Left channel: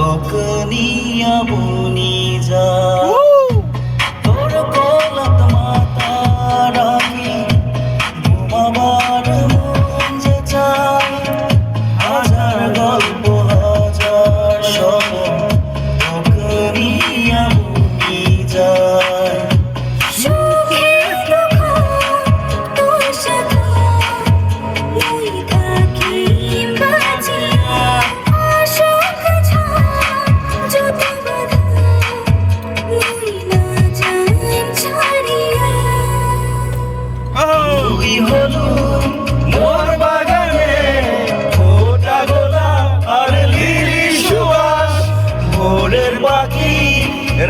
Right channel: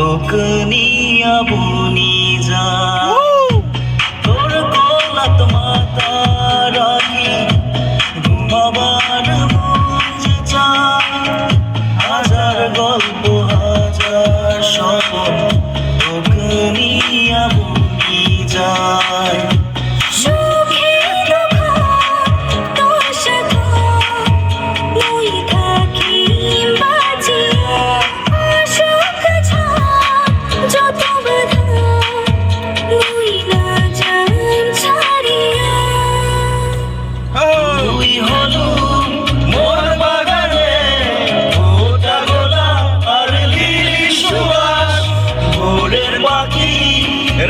তোকে নিয়া বনি যা তোর কোলাত মাতা রাখি ঘুমাবার মন যে চায় হাজার গল্প হাজার স্বপ্ন তোকে নিয়া বনি যায়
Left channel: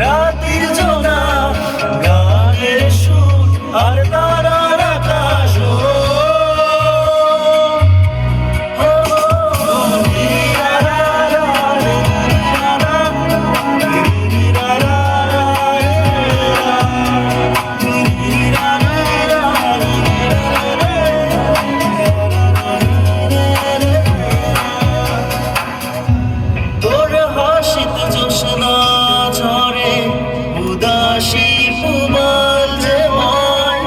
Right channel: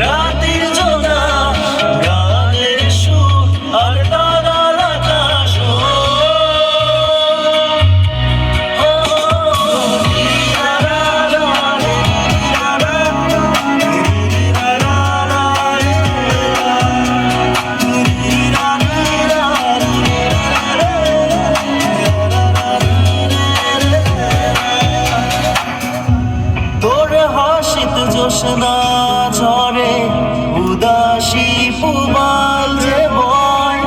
রাতের জোনা গানের সুর আর তারার আকাশ তোর হাসিত জোসনা উদাসী ফুমাল যে বয়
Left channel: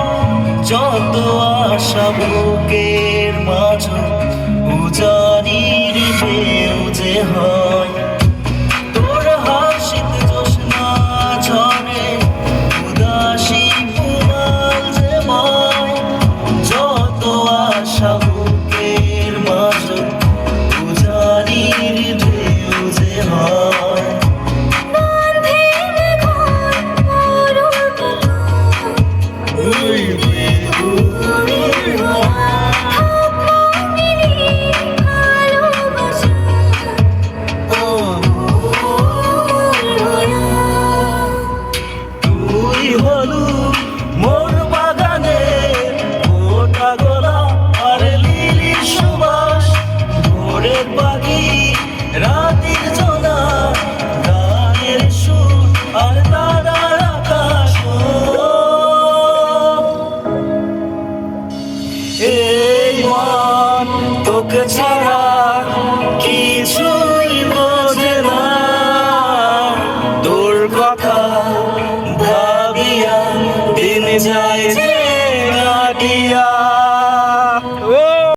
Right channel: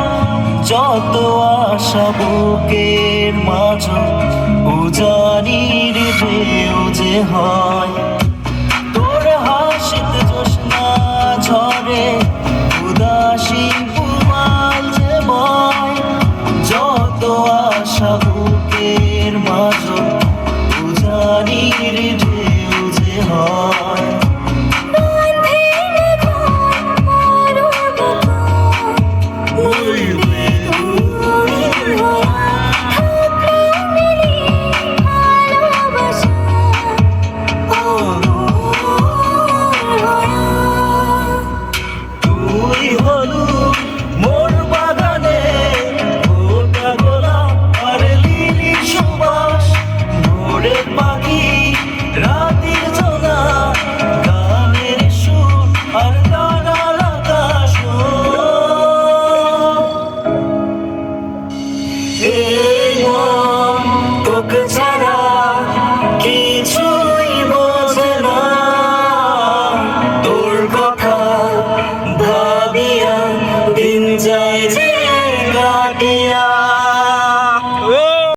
যত আশা বুকের মাঝ উজানির ঢেউ যে হয় তোর হাসিতে জোসনা ঝরে উদাসী ফুমাল যে বয় যত আশা বুকের মাঝ উজানির ঢেউ যে হয় মোর বাগানে ফোটা গোলাপ আর লিলি সুবাস ভোরের পাখি রাতের জোনা গানের সুর আর তারার আকাশ এই মন তোকে ছাড়া কিছুই বোঝে না তোর কথা ভাবিয়া দিন যায় যে কাটিয়া